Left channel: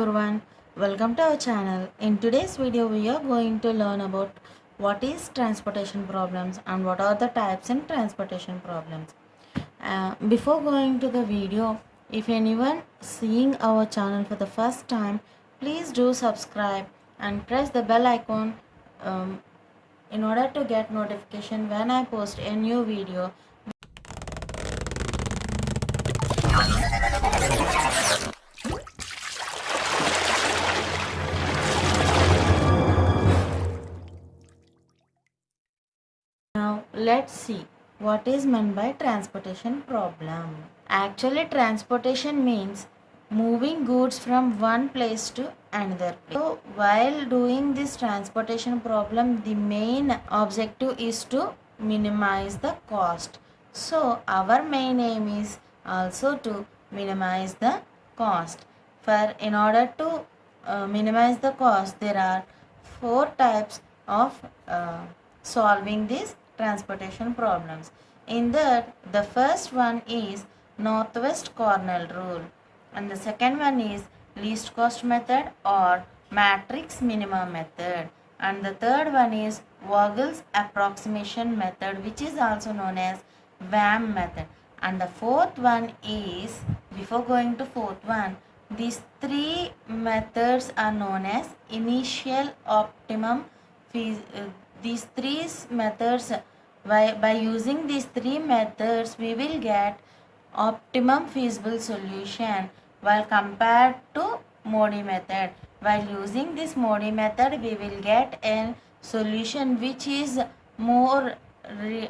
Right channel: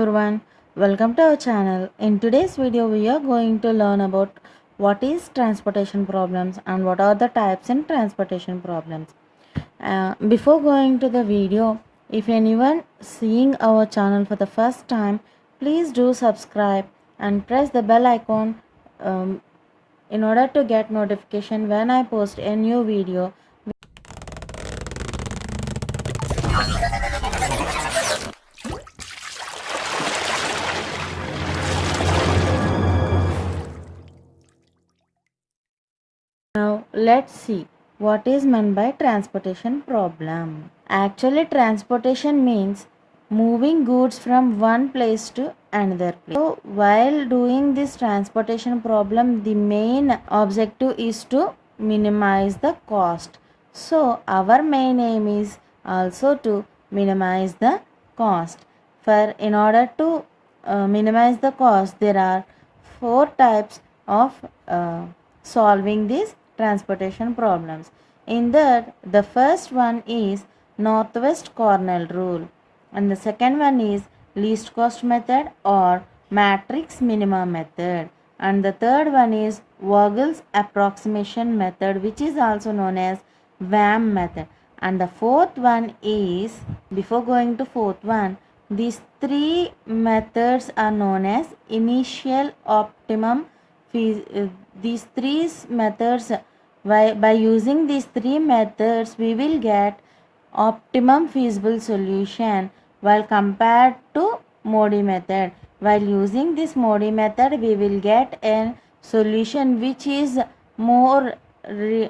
everyone, welcome to our channel. In today's video we are going to learn about what is transportation problems and what are the types in transportation problems. Before going to the video, if anyone seeing our channel for the first time, please do subscribe and press the bell icon in order to get notification when I post a new video. Now let's see what is meant by transportation problem. Actually, transportation means moving goods from one place to another place. So while doing this transportation problem, the main objective is to minimize the cost. So our main aim is also to minimize the cost. In order to minimize the cost, there are 4 types of solving these transportation problems. In that, the first one is northwest corner rule, and the second one is least cost method or matrix minimum method, and the third one is Vogel's approximation method, which is also known as VAM method, and the fourth one is, before going to fourth one, these 3 methods are known as initial optimum. These 3 methods, by using these 3 methods we will get optimum feasible solution while compared to Modi method. While using this Modi method we will get a solution which is more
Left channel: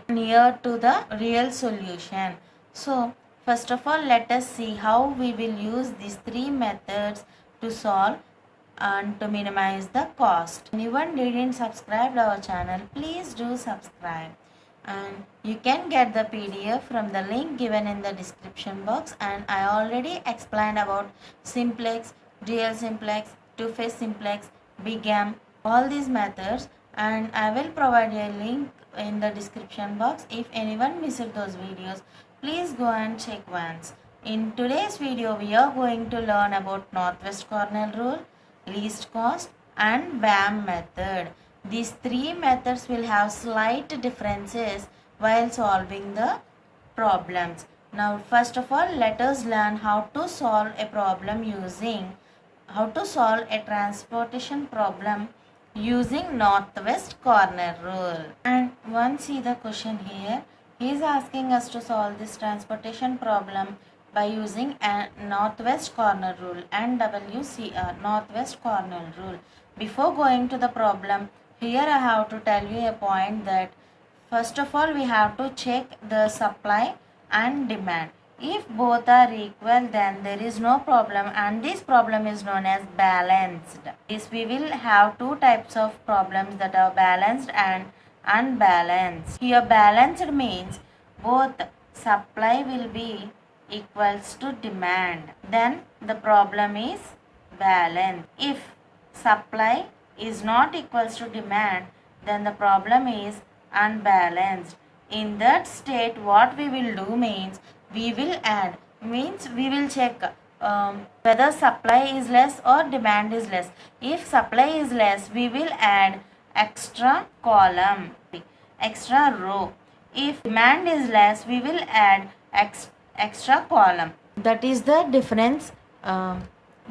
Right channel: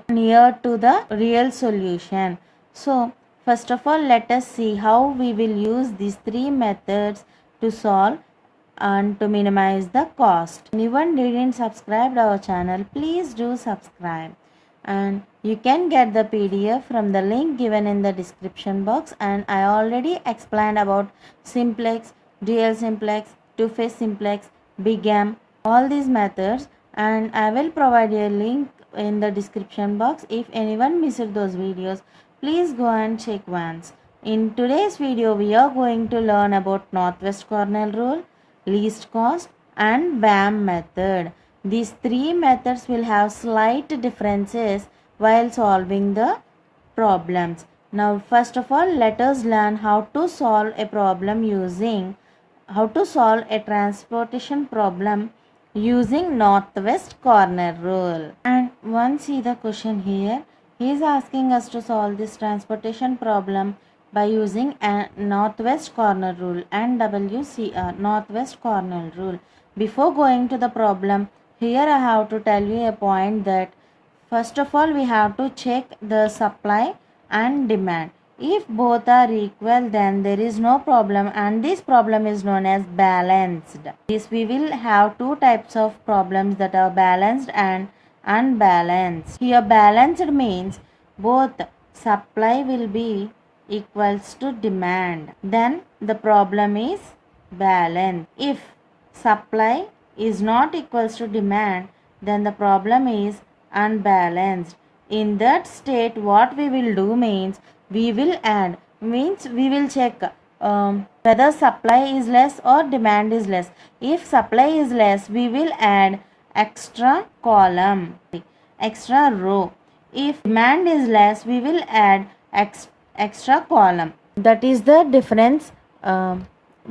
near to the real solution. So first of all, let us see how we will use these 3 methods to solve and to minimize the cost. Anyone didn't subscribe to our channel, please do subscribe, and you can get the PDF from the link given in the description box. And I already explained about simplex, dual simplex, two-phase simplex, BigM, all these methods, and I will provide a link in the description box. If anyone missed those videos, please go and check once. In today's video we are going to learn about northwest corner rule, least cost and VAM method. These 3 methods will have slight differences while solving the problems. Now first of all, let us learn how to solve a transportation problem using northwest corner rule. And once see the question here, he is asking us to solve this transportation problem by using a northwest corner rule, NWCR, northwest corner rule. Before going to the problem, here I have to tell you a point that first of all we have to check the supply and demand. If both are equal, then there is no problem, and this problem is known as balanced. This we will have 2 types of problems, that are balanced and unbalanced. Here balanced means both supply will be equals to demand, then the problem is balanced. If supply is not equals to demand, then the problem is unbalanced. In that state, what we will do means we will add, means we will check whether supply is less or demand is less. If supply is less, we will add extra column, extra row. If demand is less, we will add extra column. That is the difference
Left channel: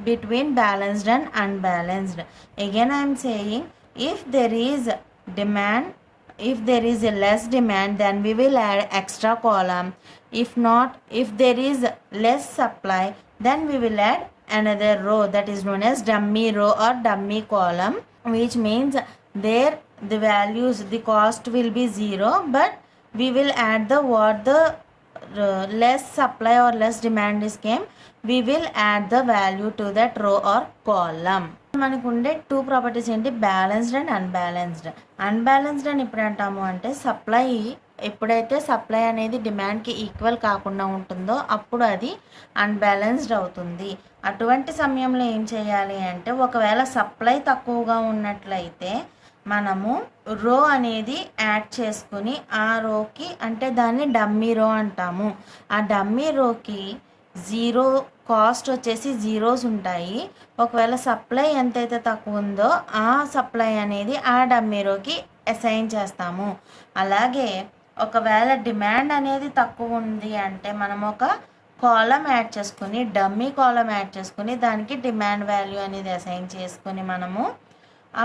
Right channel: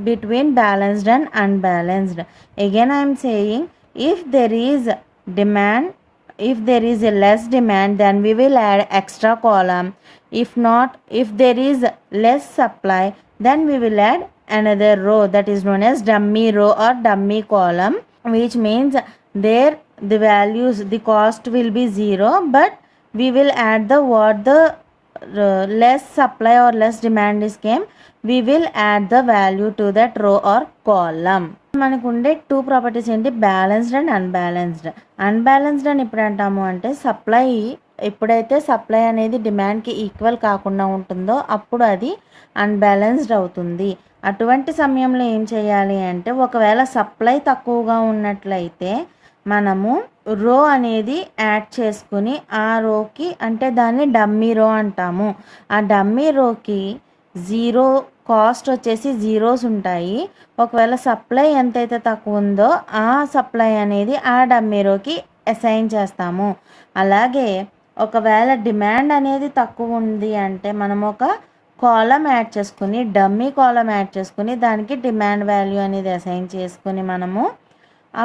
between balanced and unbalanced. Again I am saying, if there is demand, if there is a less demand, then we will add extra column. If not, if there is less supply, then we will add another row, that is known as dummy row or dummy column, which means there the values, the cost will be 0, but we will add the what the less supply or less demand is came, we will add the value to that row or column. మనకుండే 2 ప్రాపర్టీస్ ఏంటి, balanced and unbalanced. Unbalanced అని ఎప్పుడు అంటాము అంటే, సప్లై ఎప్పుడైతే సప్లై అనేది డిమాండ్కి ఈక్వల్ కాకుండా ఉంటుందో అప్పుడు అది అన్బ్యాలెన్స్డ్ అవుతుంది. అటువంటి సమయంలో ఏం చేయాలి అంటే, ఒకవేళ సప్లై తక్కువగా ఉన్నట్లయితే మనము రో అనేది యాడ్ చేసుకుని ఆ రోకి, అంటే దాన్ని డమ్మీ రో అంటాము, ఆ డమ్మీ రోకి 0 కాస్ట్ వచ్చేసి జీరోస్ ఉంటాయి. ఒకవేళ సప్లై ఎంతైతే తక్కువ ఉందో ఆ సప్లై అనేది ఆ డమ్మీ రోకి అసైన్ చేస్తాము. అలాగే ఒకవేళ డిమాండ్ అనేది తక్కువ ఉంది అంటే మనం ఒక కాలం యాడ్ చేసుకుని, డమ్మీ కాలం యాడ్ చేసుకుని దానికి డిమాండ్ వాల్యూ అనేది అసైన్ చేసుకుని మనము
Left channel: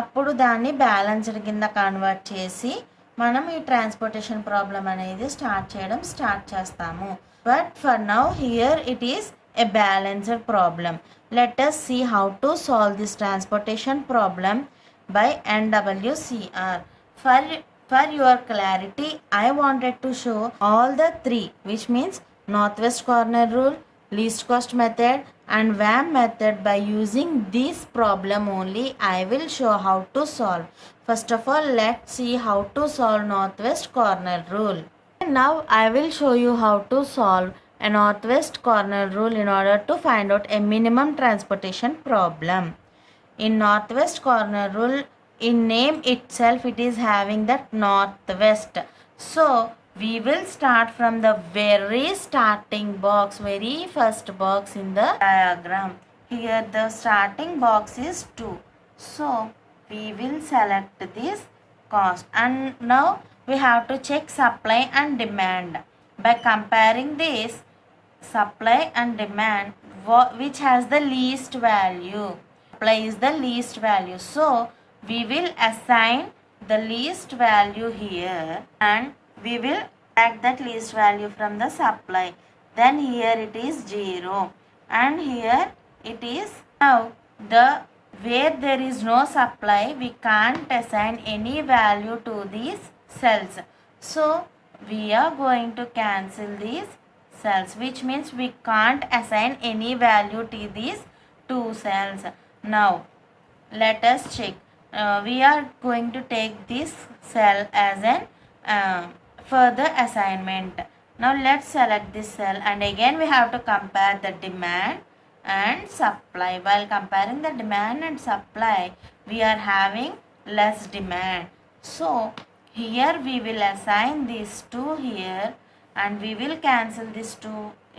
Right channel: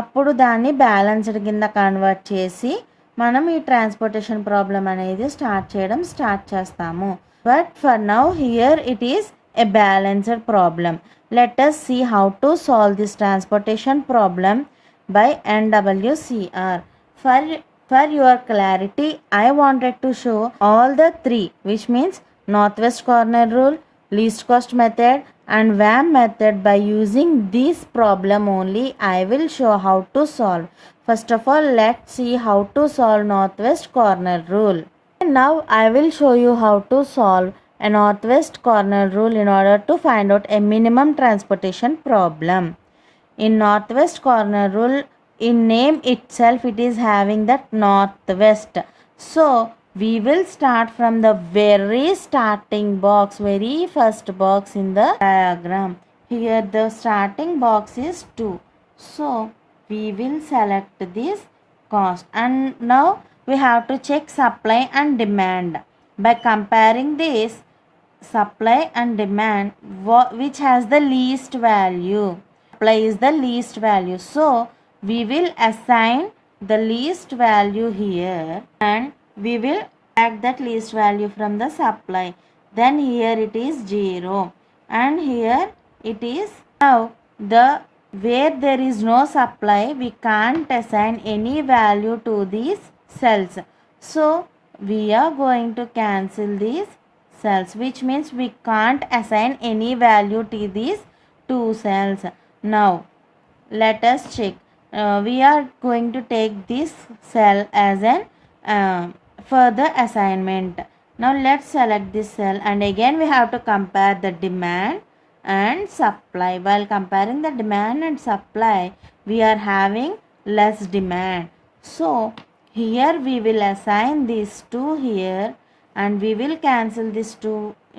అప్పుడు దాన్ని బ్యాలెన్స్డ్ కింద కన్వర్ట్ చేసి మనం ఈ ట్రాన్స్పోర్టేషన్ ప్రాబ్లం అనేది స్టార్ట్ చేస్తాము. But for now here it is a balanced problem. Let us see how to solve this transportation problem by NWCR. For your clarity, I wanted to show all the three, which means northwest corner rule, least cost method and VAM method. By using this problem only, I will show how to solve. First of all, let's see how to solve northwest corner rule. Now I will show you how to solve a northwest corner rule in order to find out a minimum transportation problem. In northwest corner rule, in name itself it is having that northwest. So we will start from the very starting box, very first box in the diagram. Here the starting box is 2. So we will select this cost, and now we have to check supply and demand. By comparing this supply and demand, which has the least value? Supply is the least value, so we will assign the least value here and we will add that least value from the supply. Then here it is 0 and here it is. Now the where there is no supply, we can't assign any value to these cells, so we are going to cancel these cells, which means we can't assign any value to these two cells. Now let us check. We are going to take this cell as an further assignment. Now let's select this cell, and again we have to compare the demand and supply. While comparing the demand and supply, we are having less demand, so here we will assign these two here and we will cancel this 2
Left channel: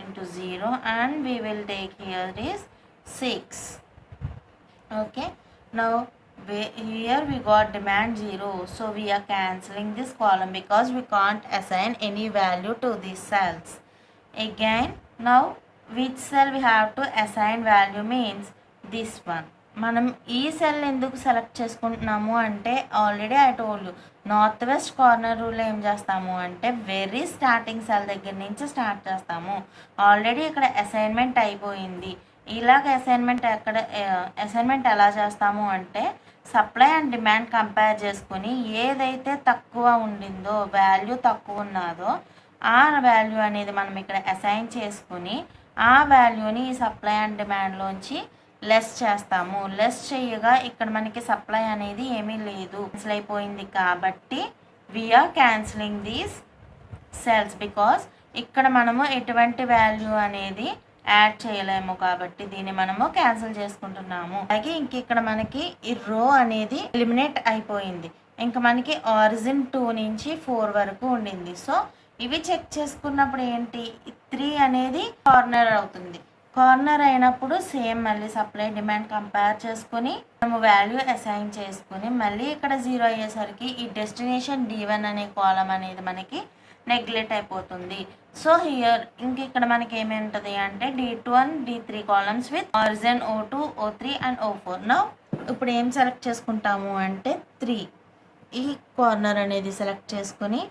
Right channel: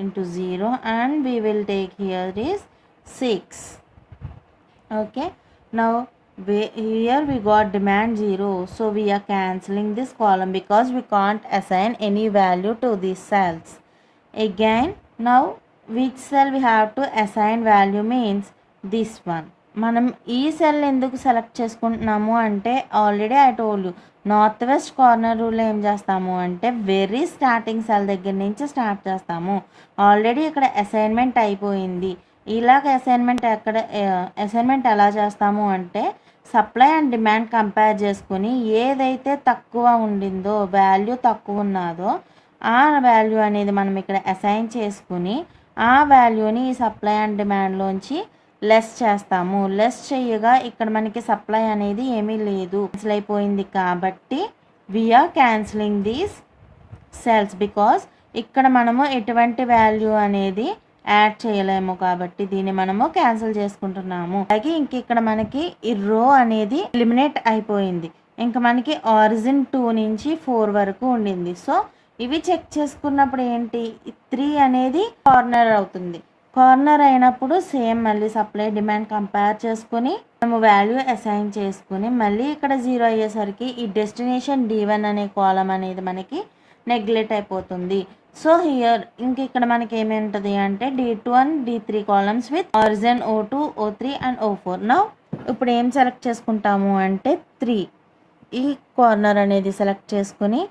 into 0 and we will take here is 6. Okay, now here we got demand 0, so we are cancelling this column because we can't assign any value to these cells. Again, now which cell we have to assign value means this one. మనం ఈ సెల్ ఎందుకు select చేసుకుంటున్నాము అంటే already I told you north west corner రూల్లో ఏం చేస్తాము అంటే very starting cell దగ్గర నుంచి స్టార్ట్ చేస్తాము. ఆల్రెడీ ఇక్కడ అసైన్మెంట్ అయిపోయింది. ఇలాగ అసైన్మెంట్ ఎలా చేస్తాము అంటే సప్లై అండ్ డిమాండ్ కంపేర్ చేసుకుని ఏదైతే తక్కువ ఉండిందో, వాల్యూ తక్కువ ఉన్నదో ఆ వాల్యూ అనేది మనం ఇక్కడ అసైన్ చేసుకుని ఆ వాల్యూని ఈ సప్లై అండ్ డిమాండ్లోంచి లెస్ చేస్తాము. లెస్ చేయగా ఇక్కడ మనకి సప్లై అనేది ఏమీ లేదు, క్యాన్సిల్ అయిపోయింది. కాబట్టి we're cancelling these cells because ఇక్కడ మనము ఎటువంటి వాల్యూ అనేది యాడ్ చేయలేము కాబట్టి దీన్ని మనము క్యాన్సిల్ చేసుకుంటున్నాము. అలాగే ఇంక ఇక్కడ మనకి ఈ రో అనేది ఎలిమినేట్ అయిపోయింది. ఇంకా మనకి ఆరిజిన్ 2 నుంచి 4 వరకు ఉండింది. సో ఇవి చెక్ చేసుకున్నప్పుడు ఏంటి, 3 అనేది కార్నర్ అవుతుంది. కార్నర్ అయినప్పుడు సేమ్ మళ్ళీ సప్లై డిమాండ్ కంపేర్ చేసుకుని మనము వాల్యూ అసైన్ చేసుకుని మళ్ళీ ఇక్కడ 0 అయ్యేసరికి ఈ డెస్టినేషన్ D1 అనే కాలం అనేది మనకి నెగ్లెక్ట్ అయిపోతుంది. సో హియర్ ఇంక ఇక్కడ మనకి ఏమి ఉంటుంది అంటే D1 D3 columns with origin O2 O3 and O4. Now ఇప్పుడు ఏం సెలెక్ట్ చేసుకుంటాము అంటే 3 ఈ కార్నర్ అనేది సెలెక్ట్ చేసుకుని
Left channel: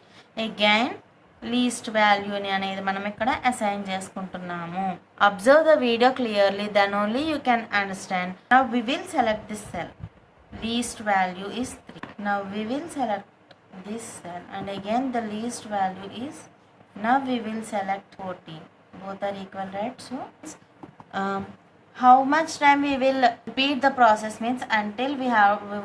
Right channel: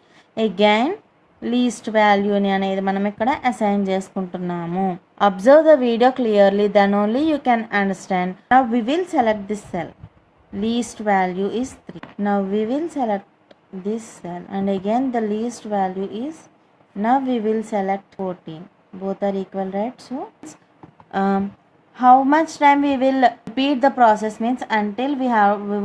అగైన్ లీస్ట్ వాల్యూని అనేది మనం ఇక్కడ అసైన్ చేసుకుంటున్నాము. Observe the video clearly, then only you can understand. Now we will select this cell. Least value is 3. Now we will select this cell and again the least value is, now we will select 14. Both are equal, right? So how much time we will repeat the process means until we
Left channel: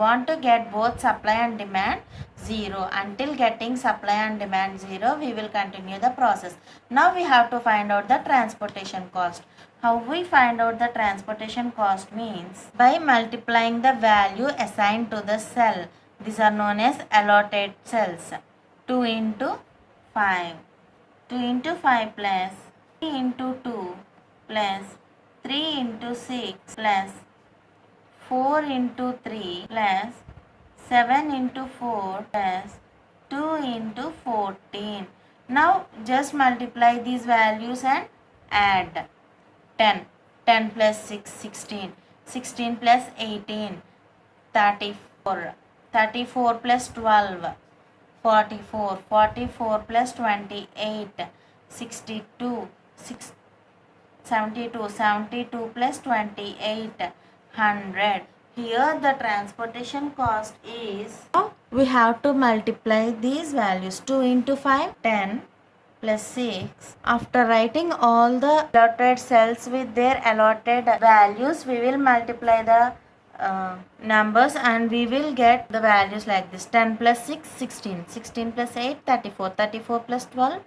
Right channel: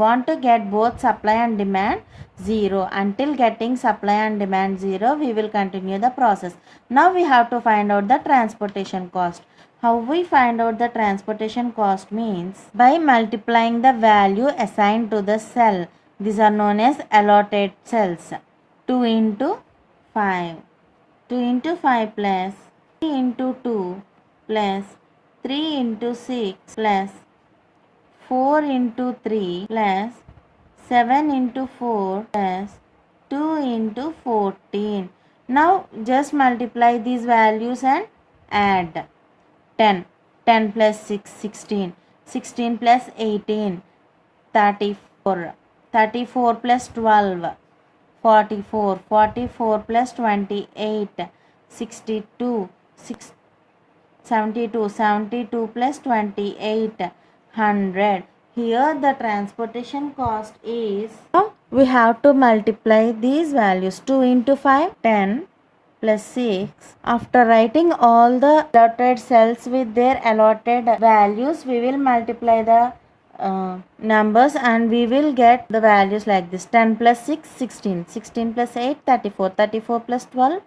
want to get both supply and demand 0. Until getting supply and demand 0, we will continue the process. Now we have to find out the transportation cost. How we find out the transportation cost means by multiplying the value assigned to the cell. These are known as allotted cells. 2 into 5. 2 into 5 plus 3 into 2 plus 3 into 6 plus 4 into 3 plus 7 into 4 plus 2 into 14. Now just multiply these values and add. 10. 10 plus 6, 16. 16 plus 18, 34. 34 plus 12, 44. 44 plus 28, 62. 72. 72 plus 28, 100. Here the transportation cost is, we have to multiply these values. 2 into 5, 10 plus 6. After writing all the allotted cells with their allotted values, we will multiply the numbers and we will get the values like this. 10 plus 6, 16. 16 plus 8, 34. 34 plus 12,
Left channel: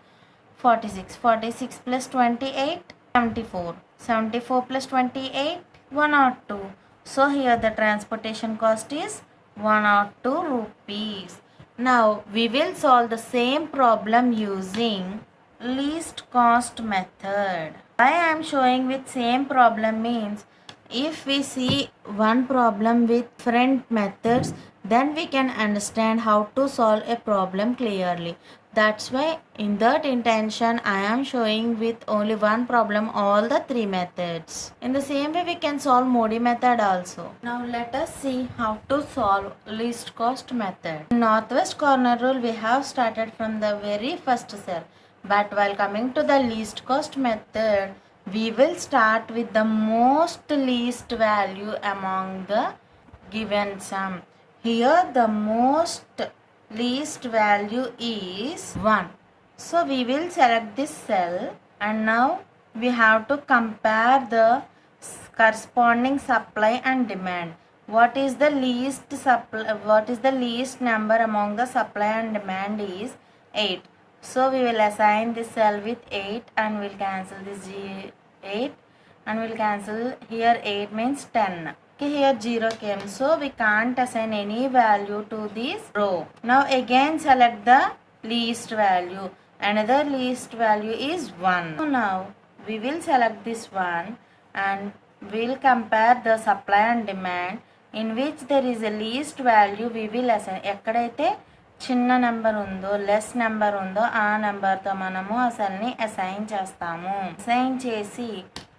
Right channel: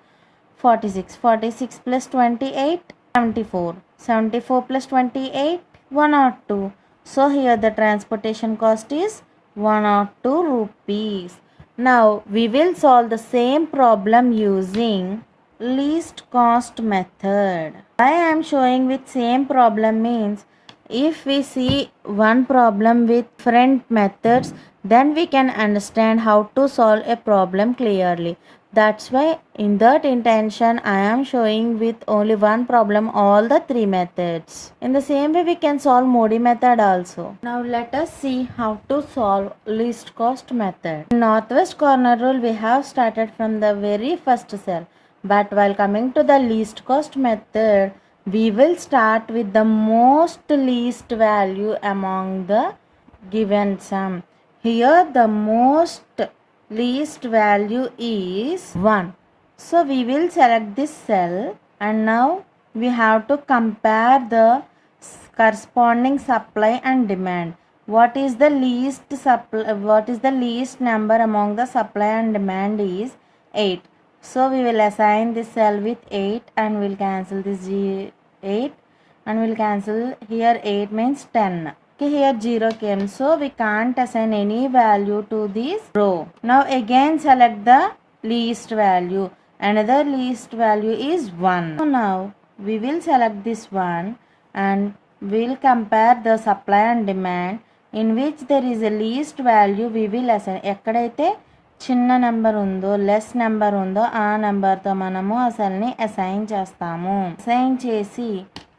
46. 46 plus 28, 74. 74 plus 28, 102. So here the transportation cost is 102 rupees. Now we will solve the same problem using least cost method. Why I am showing with same problem means, if we see one problem with different methods, then we can understand how to solve a problem clearly. That's why in that intention I am showing with only one problem all the three methods. In the same way we can solve Modi method also. Now let us see how to solve least cost method. In northwest corner rule we have started from the very first cell. But while coming to the least cost method, we will start with the most least value among the given sum. Here the most least value is 1. So we will select this cell and now we have to compare the corresponding supply and demand. What is the least number among the supply and demand is 8. So we will assign this cell with 8 and we'll cancel this 8 and we'll cancel here 8 means 10. Okay, here 0 came, so we can't assign any value to this row. Now again select the least value. Another least value is 1. So now we will select this one and we'll compare the supply and demand, in which there is a least value we will assign. ఎక్కడైతే చిన్న నెంబర్ ఉందో, less number ఉందో ఆ నెంబర్తో మనము ఆ సెల్ని అసైన్ చేస్తాము. అసైన్ చేసి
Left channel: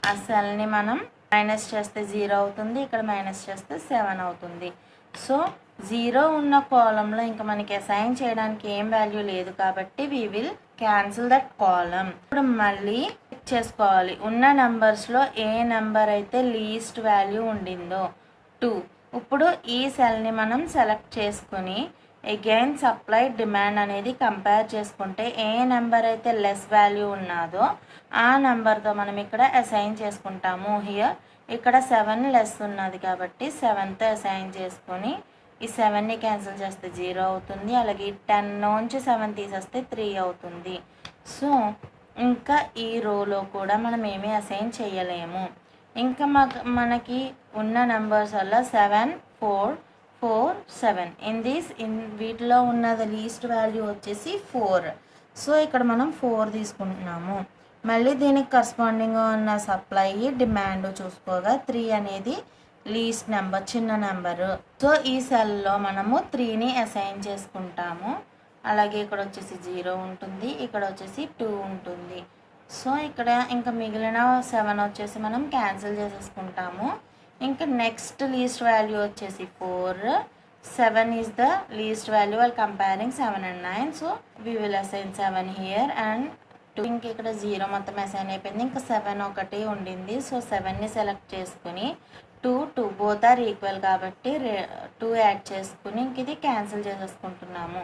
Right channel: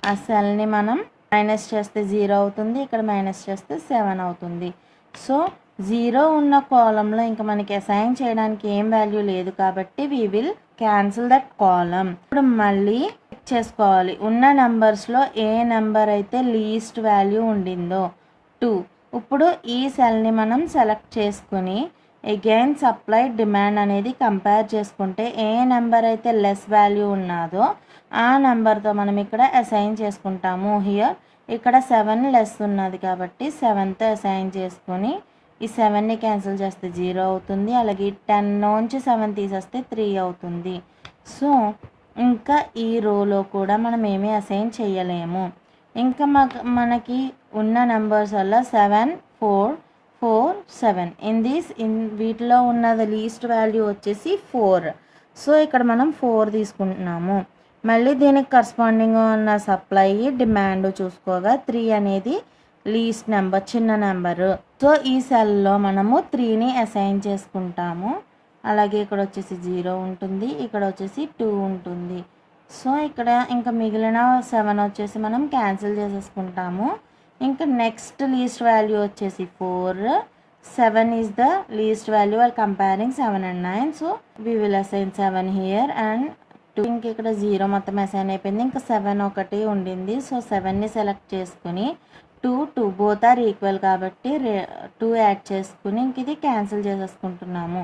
ఆ సెల్ని మనం మైనస్ చేస్తే 0 అవుతుంది, ఇక్కడ మైనస్ చేస్తే 7 అవుతుంది. సో 0 ఉన్న కాలంలో ఇంకా మనకి అసైన్ చేయడానికి ఏం వాల్యూ లేదు కాబట్టి వీ విల్ క్యాన్సిల్ దట్ కాలం. ఇప్పుడు మళ్ళీ చెక్ చేసుకోవాలి ఉన్న నెంబర్స్లో ఏ నెంబర్ అయితే లీస్ట్ వాల్యూ ఉండిందో 2. ఇప్పుడు ఈ సెల్ని మనం సెలెక్ట్ చేసుకుని అగైన్ సప్లై డిమాండ్ అనేది కంపేర్ చేసుకుంటే ఏ నెంబర్ అయితే లెస్ వాల్యూ ఉన్నదో ఆ నెంబర్తో మనం ఇక్కడ అసైన్ చేసుకుంటాము. హియర్ ఇక్కడ 7 లెస్ ఉన్నది కాబట్టి 7తో అసైన్ చేసుకొని ఈ 7ని క్యాన్సిల్ చేస్తే 0 అవుతుంది. అలాగే 10 నుంచి 7 తీసేస్తే 3 అవుతుంది. సో ఇంకా ఈ రోలో కూడా మనం ఏమీ అసైన్ చేయలేము. ఇంకా మనకి ఉన్న నెంబర్స్ వల్ల 7, 4, 4, 7 ఇన్ వీటిలో ఉన్నది లీస్ట్ వాల్యూ వచ్చేసి 4. సో ఇక్కడ మనం 4 తీసుకుంటున్నాము. మళ్ళీ దీనికి కరస్పాండింగ్ ఉన్న సప్లై డిమాండ్ చూసుకోగా 3 అనేది లీస్ట్ నెంబర్, చిన్న నెంబరు. సో ఈ సెల్లో మనము 3ని అసైన్ చేసుకుంటాము. అలాగే ఇక్కడ వచ్చేసి 0 ఉంటుంది, ఇక్కడ వచ్చేసి 2 ఉంటుంది. సో ఇక్కడ ఇంకా మిగిలిన 7 వచ్చేసి మనం క్యాన్సిల్ చేసేసుకుంటాము. ఇంకా నెక్స్ట్ లీస్ట్ వాల్యూ వచ్చేసి 4. 7 is the least value while comparing 7 and 9. So we will assign 7 here and 2. ఇంక ఇక్కడ 0 మొత్తం అసైన్ అయిపోయింది. ఇంకా 7 ఒకటి ఉండింది. సో 7ని సెలెక్ట్ చేసుకుని 2 బోత్ ఆర్ ఈక్వల్ కాబట్టి 2 యాడ్ చేసుకుని ఇంక ఇది క్యాన్సిల్ చేసేసుకుంటున్నాము.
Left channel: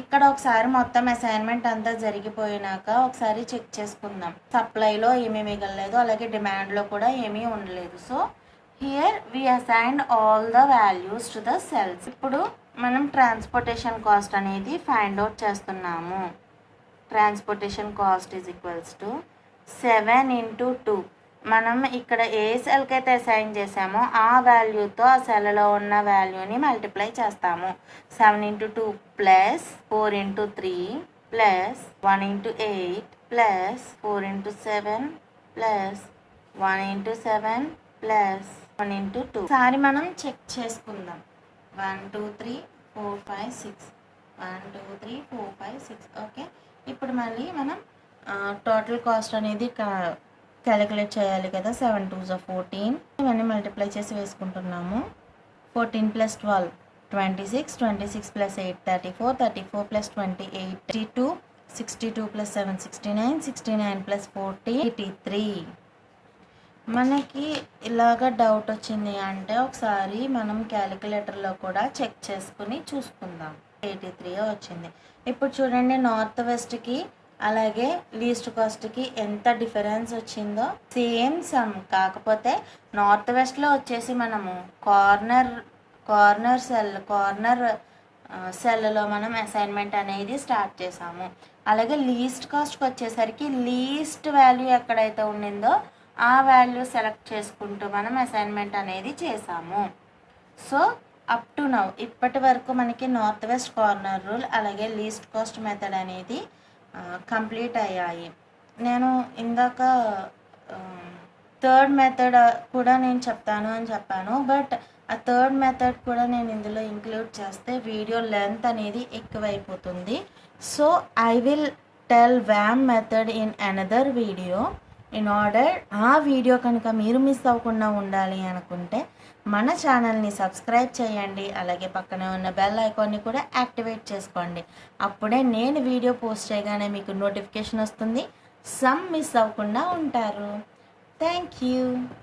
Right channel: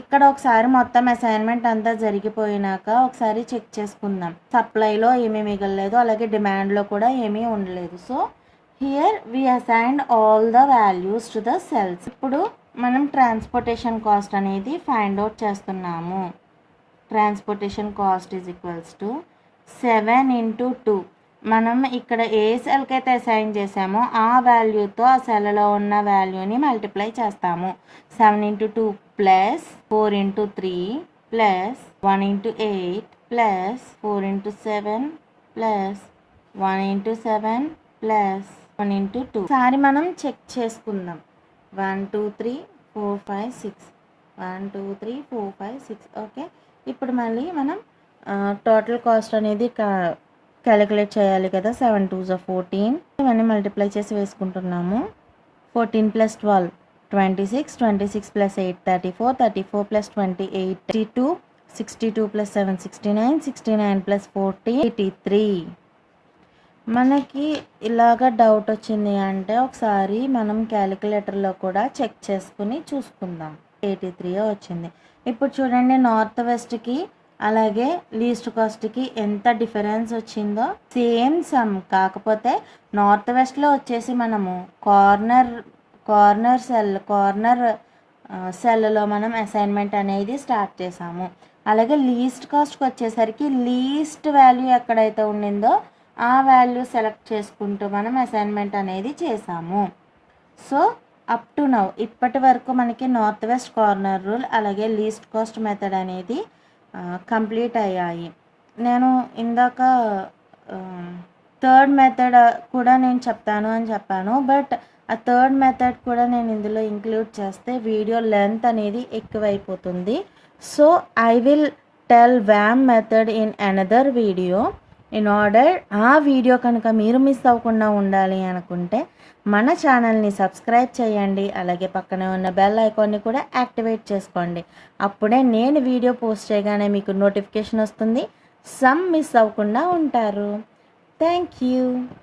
ఇక్కడ ఒకసారి మొత్తం అసైన్మెంట్ అంతా జరిగిపోయినాక ఒకసారి చెక్ చేసుకుందాం. సప్లైలో ఏమీ మిగలలేదు, అలాగే డిమాండ్లో కూడా ఏమీ ఉండలేదు. So here we assigned all the values to the cells. ఇప్పుడు మనం ట్రాన్స్పోర్టేషన్ కాస్ట్ అనేది ఫైండ్ అవుట్ చేస్తున్నాము. Transportation cost is equals to 7 into 2. మనం ఇక్కడ ఏ సెల్కి అయితే అసైన్ చేసామో ఆ వాల్యూతో ఆ సెల్లో ఉన్న వాల్యూని మల్టిప్లై చేస్తాము. 7 into 2 plus 4 into 3 plus 1 into 8 plus 4 into 7 plus 1 into 7 ప్లస్ 1 into 2. ఒకసారి మనం చెక్ చేసుకుందాం. 1 2 3 4 5 6 1 2 3 4 5 6. ఓకే, ఇప్పుడు మళ్ళీ మనం టోటల్ కాస్ట్ అనేది క్యాలిక్యులేట్ చేయాలి కదా. 7 2s are 14. ఇవన్నీ మల్టిప్లై చేసి వేసుకుంటున్నాము. 14 plus 12 26, 26 plus 8 34, 34 plus 28 62, 62 plus 7 69, 69 plus 40 83. మనకి ఇలాగ డౌట్ వచ్చింది అంటే ఒకసారి మనం క్యాలిక్యులేటర్లో కూడా చెక్ చేసుకుని చూసుకుందాం. 83 వచ్చింది. ఇప్పుడు చూడండి, నార్త్ వెస్ట్కి అలాగే లీస్ట్ కాస్ట్కి ఎంత డిఫరెన్స్ వచ్చిందో. సేమ్ సమ్, కాకపోతే నార్త్ వెస్ట్లో వచ్చేసి మనము కార్నర్ సెల్లో మనం అసైన్మెంట్ అనేది స్టార్ట్ చేసాము. అలాగే లీస్ట్ కాస్ట్కి వచ్చేసరికి లీస్ట్ వాల్యూ ఎక్కడైతే ఉండిందో ఆ వాల్యూ సెలెక్ట్ చేసుకుంటూ మనం అసైన్మెంట్ అనేది చేసాము. సో అప్ టు నౌ ఇప్పటి వరకు మనకి నార్త్ వెస్ట్ కార్నర్ రూల్ అలాగే లీస్ట్ కాస్ట్ మెథడ్ అనేది కంప్లీట్ అయ్యాయి. నేను ఇందాక థర్డ్ మెథడ్ కూడా నేను చెప్తాను అని చెప్పాను, బట్ ఆ థర్డ్ మెథడ్ కూడా నేను ఇందులో ఇంక్లూడ్ చేస్తే వీడియో లెంత్ అనేది ఎక్కువైపోతుంది. సో ఐ విల్ టెల్ వ్యామ్ method in another video. In order ఆ వీడియో కనుక మీరు మిస్ అవ్వకుండా ఉండాలి అనుకుంటే మన ఛానల్ని సబ్స్క్రైబ్ చేయండి. అలాగే పక్కనే ఉన్న బెల్ ఐకాన్ని కూడా యాక్టివేట్ చేసుకోండి. అప్పుడే నేను వీడియో పోస్ట్ చేయగానే మీకు నోటిఫికేషన్ వస్తుంది. సమ్ మిస్ అవ్వకుండా ఉంటారు. Thank you.